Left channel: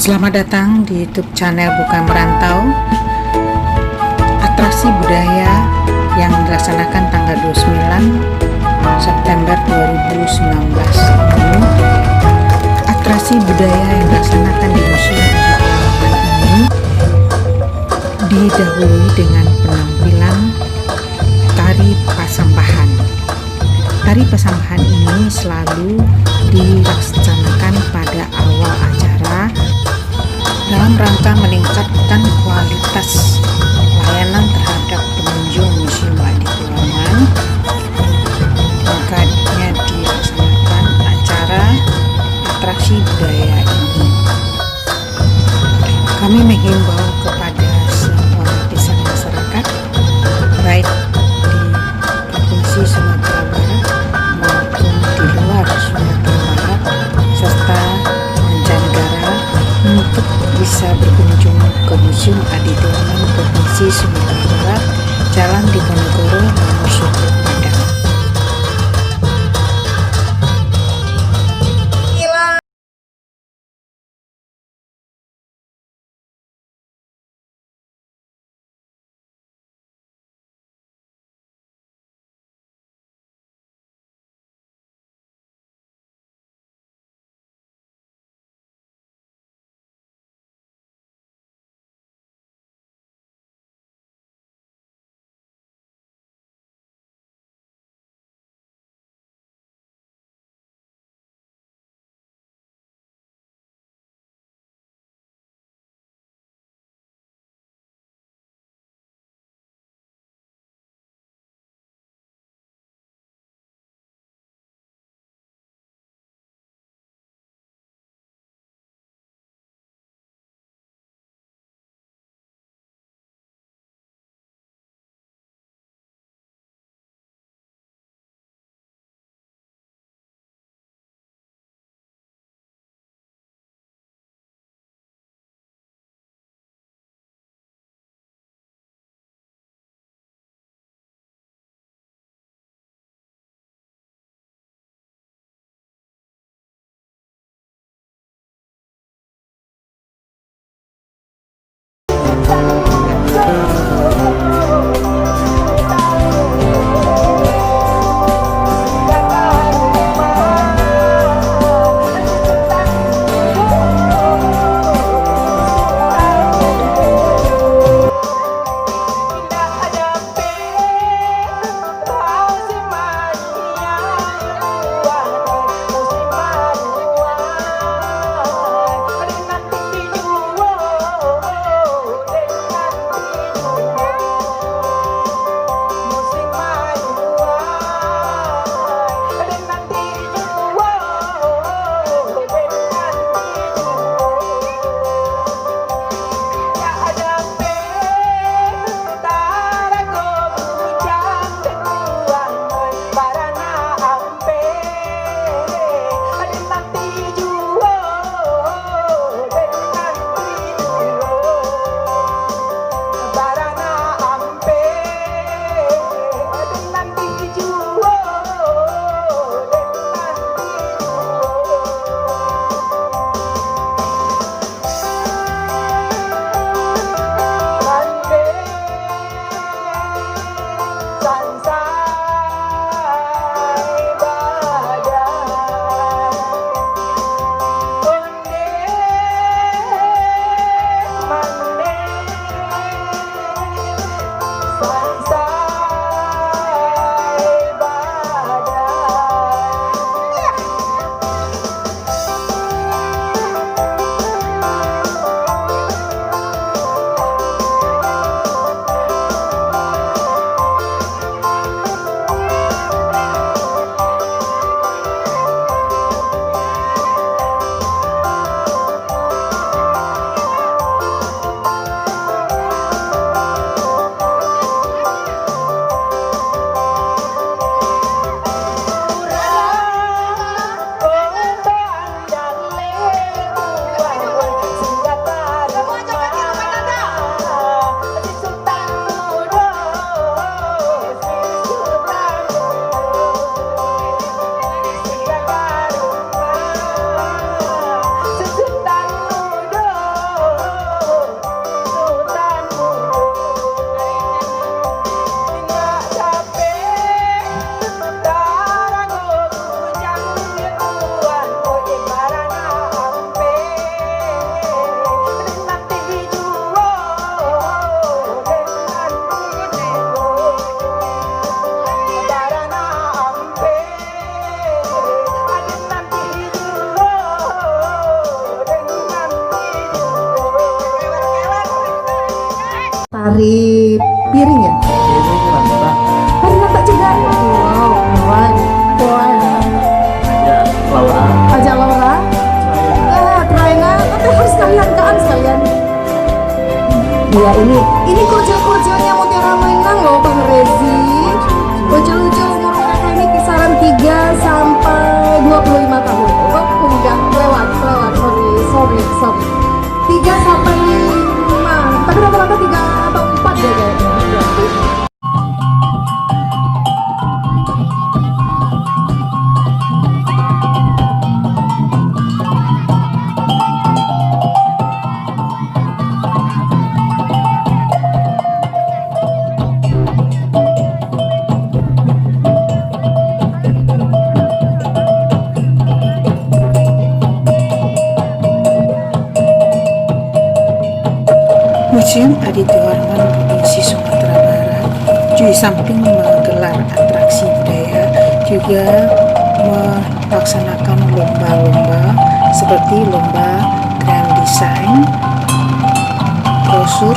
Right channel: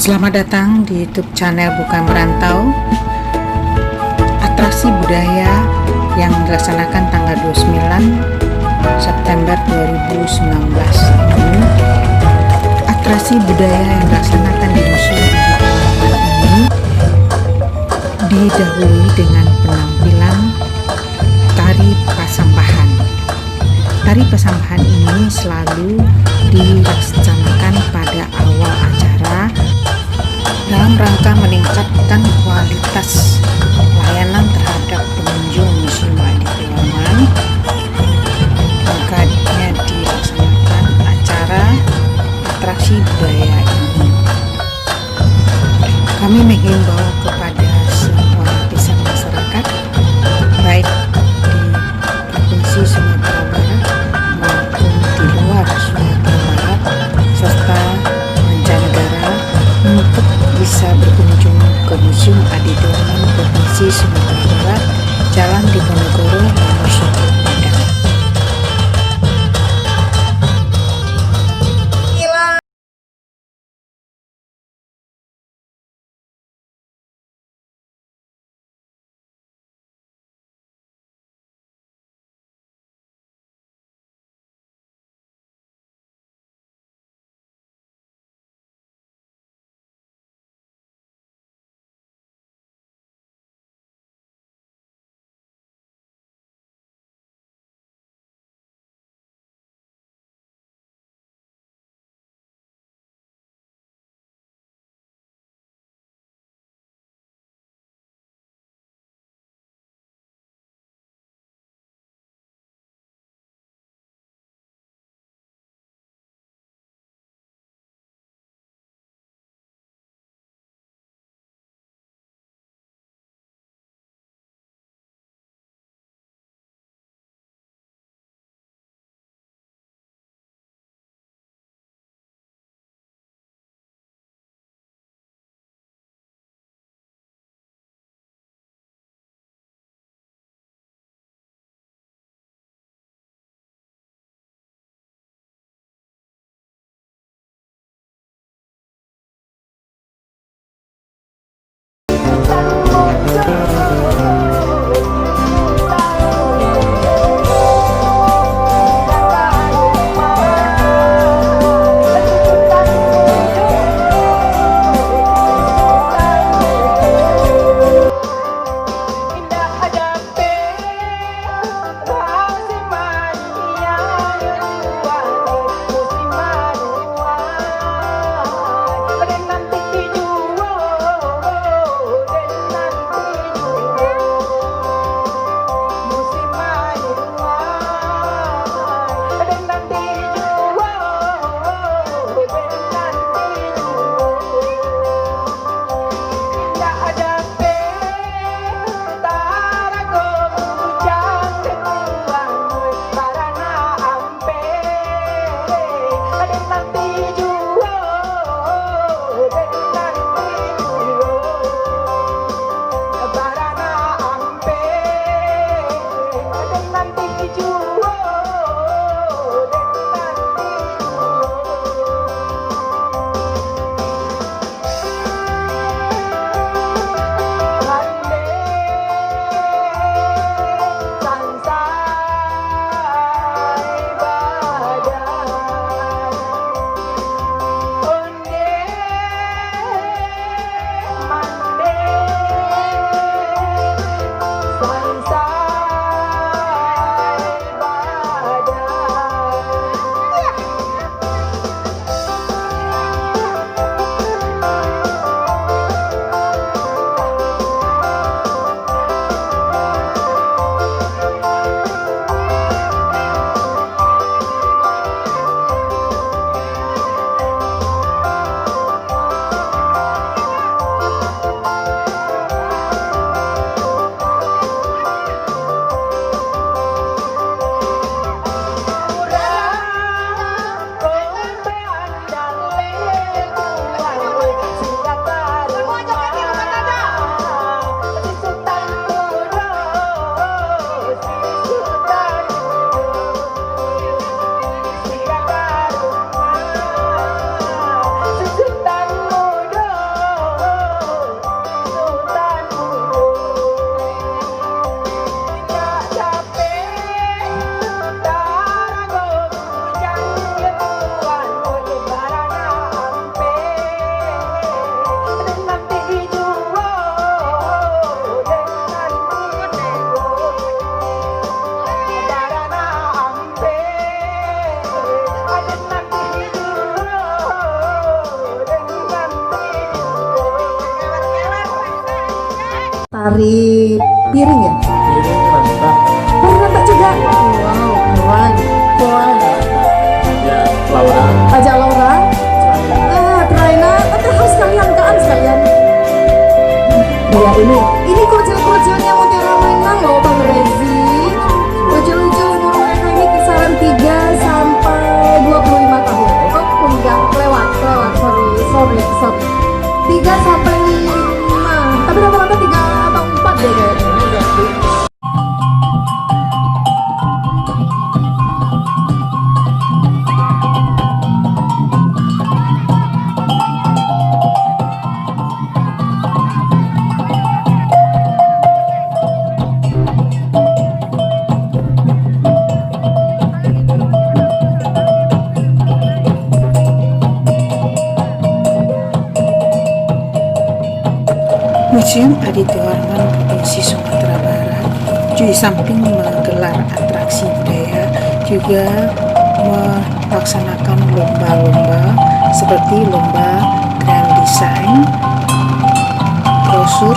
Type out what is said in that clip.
Selamat datang di YouTube channel Bukan Merantau. Atraksi budaya yang dilaksanakan tanggal 29 September 2019 ini, atraksi budaya yang dilaksanakan di Museum Adi Pilarman ini didahului dengan penampilan tari pasambahan. Tari pasambahan ini selalu dilaksanakan pada awal acara dalam rangka meningkatkan kualitas layanan terhadap pengunjung Museum Adi Pilarman. Makanya dilaksanakan acara atraksi budaya ini. Kami menghimbau kepada semua lapisan masyarakat, baik di Provinsi Sumatera Barat maupun di luar Sumatera Barat serta mancanegara, untuk bisa berkunjung ke Museum Adi Pilarman Provinsi Sumatera Barat, Jalan Diponegoro nomor 10 Padang. Tari piring ya? Baru dapat juga. Wow, keren. Ajak Laura. Permainan. Kita harus sekalian. Iya ini kocel-kocelnya Mutiara mainan loh Bang Rezi. Kocel-kocel ini kisaran 3 sampai 25 tahun. Oh enggak, lewat. Sorry. 3 sampai 5. Tapi rata-rata 3 atau 4 deh kayaknya. Museum Aditya Warman Provinsi Sumatera Barat di samping menggelar atraksi budaya juga melaksanakan lomba-lomba seperti lomba grand design, brosur,